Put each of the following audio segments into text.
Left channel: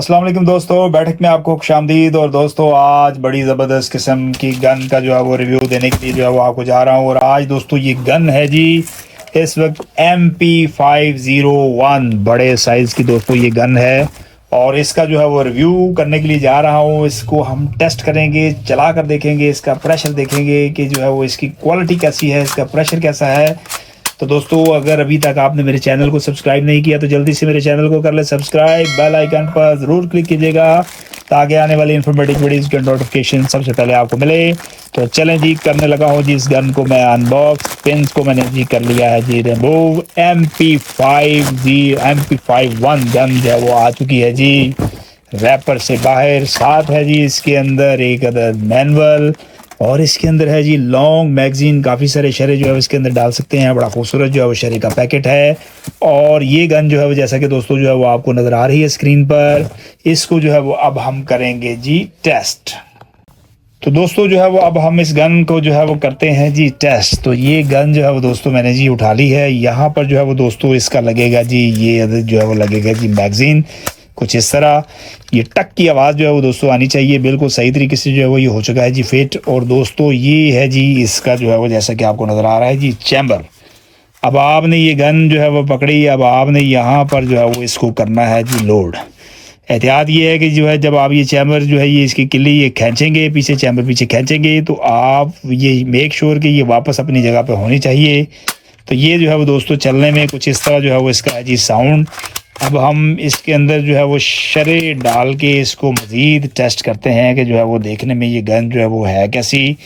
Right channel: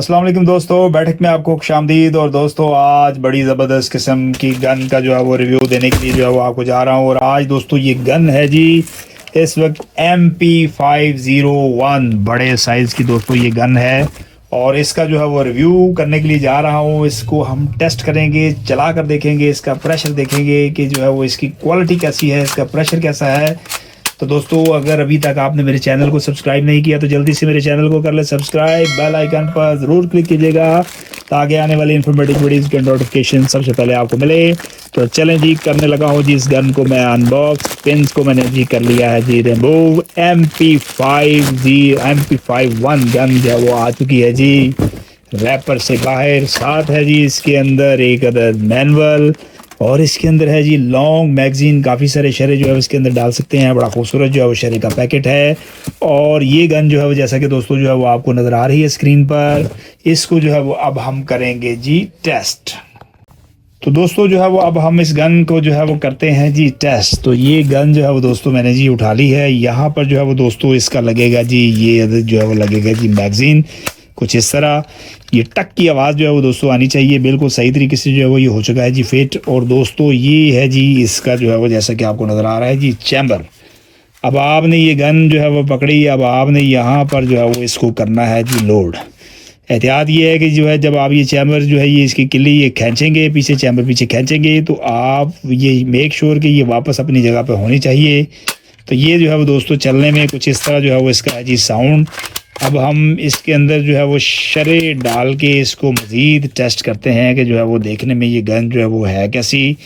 अस्सलाम वालेकुम दोस्तों, बैठक में आपको खुशामदीद। और दोस्तों आज बड़ी ज़बरदस्त किस्म की गन का जो है वो रिव्यू देने के लिए जो है वो आपको जा रहा हूँ। और आज दोस्तों ये गन है जी, इस वक्त MP501 बड़े साइज़ की दोस्तों ये गन है। और इसका जो है वो रिव्यू करने के लिए जा रहा हूँ। इसको हम टेस्ट करेंगे, चला कर देखेंगे, इसका प्रेशर देखेंगे कि जो है वो इसकी क्वालिटी कैसी है, इसका प्रेशर कैसा है। तो दोस्तों अगर अभी तक आपने मेरे चैनल को सब्सक्राइब नहीं किया तो जल्दी से मेरे चैनल को कर ले सब्सक्राइब, बेल आइकन पर ज़रूर क्लिक कीजिएगा ताकि आने वाली इन्फॉर्मेटिव वीडियोज़ के नोटिफिकेशन सबसे पहले आपको मिले। तो चलें जी, करने लगा हूँ जी इस गन को मैं अनबॉक्स। पिंस को मैंने जी कर लिया है जी रिमूव। MP51 गन जो है वो आ चुकी है जी रैपर से बाहर। साथ है जी इसके अंदर एक अदर मैनुअल और इसके अंदर है जी लॉन्ग मैगजीन। काफ़ी सारे शरे जो है इसके अंदर डाल सकते हैं। बड़ा खूबसूरत जो है वो शरे का पैकेट है। और ये गन जो है वो जैसा कि दोस्तों जो है वो आपको नज़र आ रही है स्क्रीन पर, इसको जो है वो अब हम करेंगे जी टेस्ट। तो दोस्तों जो है वो अब हम इस गन को जो है वो करते हैं जी टेस्ट। तो ये गन जो है वो दोस्तों मैंने जी उठा ली है। यहाँ पर जो है वो दोस्तों इसका लगेगा जी, ये जो है वो लगेगा जी मैगजीन कुछ इस तरह। ये टक की आवाज़ जो है वो दोस्तों आनी चाहिए, बिल्कुल सही तरीके से जो है वो ये हो चुका है जी फिट। और दोस्तों ये है जी इसका जो है वो जैसा कि आपको नज़र आ रहा है जी चैम्बर। अब आपने ये गन जो है वो पकड़ी, अब आपने यहाँ पर जो है वो इसको करना है जी लोड। एहतियात ये है कि जो है जब आप ये चैम्बर जो है ये इसकी किल्ली ये खींचेंगे, पीछे चैम्बर पीछे खींचेंगे तो आप ये मेक श्योर कि ये वापस अपनी जगह पे होनी चाहिए। तो ये जो है वो दोस्तों चलने में कुछ इस तरह जो है वो इसका है जी साउंड। अब हम इसके अंदर जो है वो शरे डाल के इसको मज़ीद टेस्ट करते हैं कि जो है वो देखने में ये गन जो है वो है कैसी।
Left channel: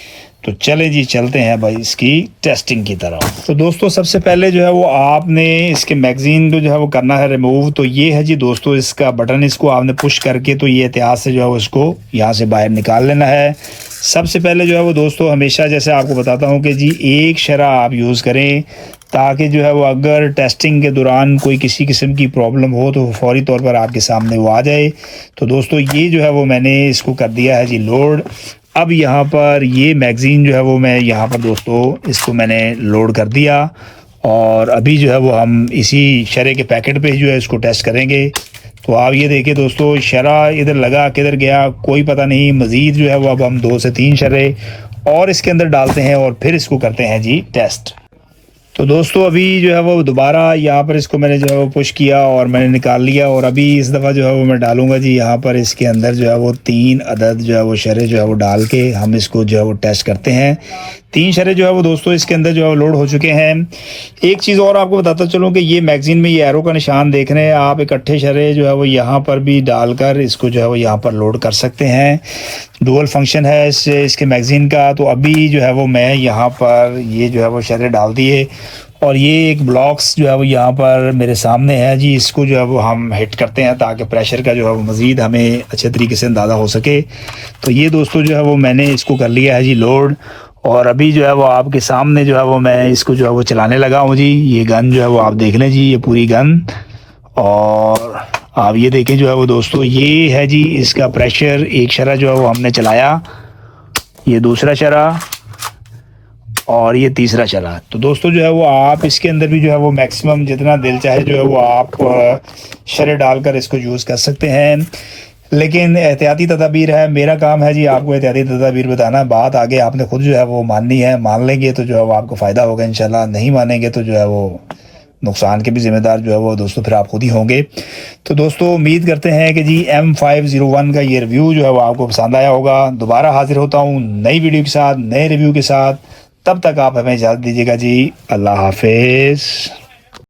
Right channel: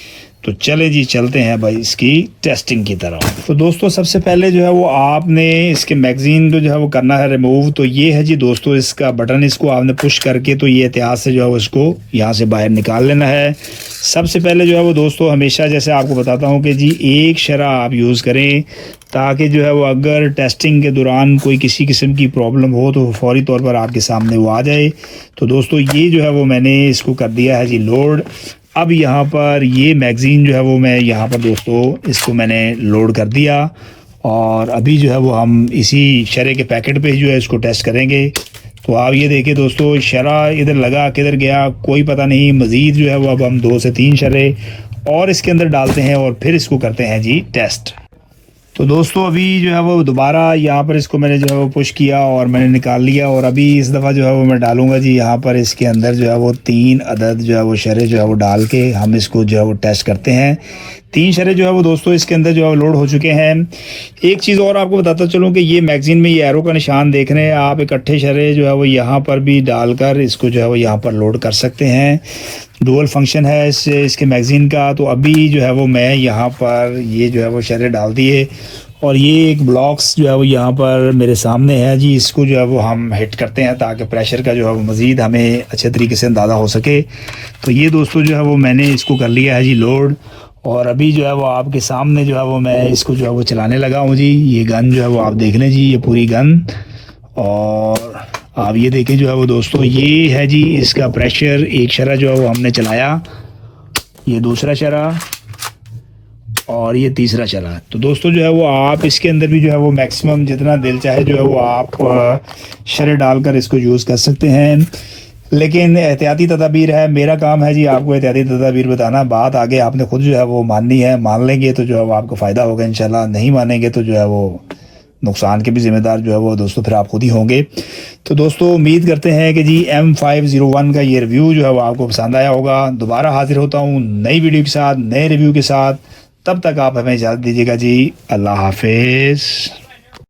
तो चले जी चलते हैं भाई इसकी टेस्टिंग की तरफ। तो दोस्तों सबसे पहले जो है वो आपने इसके मैगज़ीन को जो है वो करना है रिमूव। तो ये है जी दोस्तों इसका बटन, इसको आपने पुश करके तो ये एहतियात से जो है वो इसको यहाँ से बाहर निकाल लेना है। सबसे पहले जो है वो दोस्तों हमेशा जैसे आपको बताता हूँ कि जी एक शरा आप यूज़ करें ताकि जो है वो अगर टेस्टिंग के दौरान कोई किसी किस्म की प्रॉब्लम हो तो फौरी तौर पर आपके सामने वो आ जाए। तो दोस्तों ये जो है वो मैंने इसको कर दिया है जी लोड। अब यहाँ पर ये मैगज़ीन जो है वो मैं यहाँ पर दोस्तों इसको मैंने लोड कर दिया। और अभी जो है वो हम इसी शरे के पैकेट पे जो है इसको टेस्ट करेंगे। तो आप ये देखिए दोस्तों शरा इधर लगा किधर गया कोई पता नहीं। मज़ीद जो है वो अब हम 2 से 3 शरे और इसके अंदर डालते हैं और फिर इसको करते हैं जी टेस्ट। तो दोस्तों अभी जो है वो दोबारा यहाँ पर इसको मैंने जो है वो पुश किया और मैंने निकाल लिया। और अभी इस दफ़ा जो है वो मैं डालूंगा जी यहाँ पर इसके अंदर जो है वो 3 अदद जो है वो शरे जो है वो डाल के हम इसको जो है वो टेस्ट करते हैं। 3 शरे जो है वो दोस्तों इसके अंदर जो है वो लोड हो चुके हैं। एक चीज़ और आपको बताता चलूँ कि ये मैगज़ीन में ये एरो का निशान देख रहे हैं आप, इकट्ठे शरे जो है वो यहाँ पर भी डालकर इसको जो है वो यहाँ पर लोड कर सकते हैं। डुअल फंक्शन है इसके मैगज़ीन का। तो अभी जो है वो मैं यहाँ पर ये जो है वो शरे डाल दिए और ये एक ब्लॉक्स जो है वो यहाँ पर मेरे सामने है जी। इसको जो है वो हम हिट करते हैं ताकि प्रेशर का जो है वो मज़ीद हमें अच्छे तरीके से अंदाज़ा हो सके। तो ये दोस्तों जो है वो मैंने इसको कर लिया है जी लोड। और अभी जो है वो आपके सामने जो है वो मैं इसको जो है वो चलाने लगा हूँ जी। ये गन जो है वो आप देख लें जी, ये पूरी गन। और आप ये देखें जो है वो दोस्तों ये है जी इसका प्रेशर। एक शरा जो है वो हमने चलाया, ये दूसरा शरा और ये तीसरा शरा। तो दोस्तों जो है वो आप इसके अंदर भी जो है वो मैक्सिमम जितना दिल चाहे जो है वो आप शरे डालकर इसको यूज़ कर सकते हैं। लेकिन एहतियाती तदाबीर है, मेरा काम है जी आपको एहतियाती तदाबीर बताना। बात आगे आपने खुद जो है वो माननी है, मान लेंगे तो जो है वो आपको फ़ायदा होगा इंशाल्लाह, नहीं मानेंगे तो जो है वो नुकसान के भी ज़िम्मेदार जो है वो दोस्तों फिर आप खुद ही होंगे। तो दोस्तों उम्मीद करते हैं कि जी M501 का ये रिव्यू जो है वो आपको पसंद आया होगा। दोबारा हाजिर होता हूँ नई वीडियो के साथ, नए रिव्यू के साथ। तब तक आप हमें इजाज़त दीजिएगा जी। अल्लाह हाफिज़।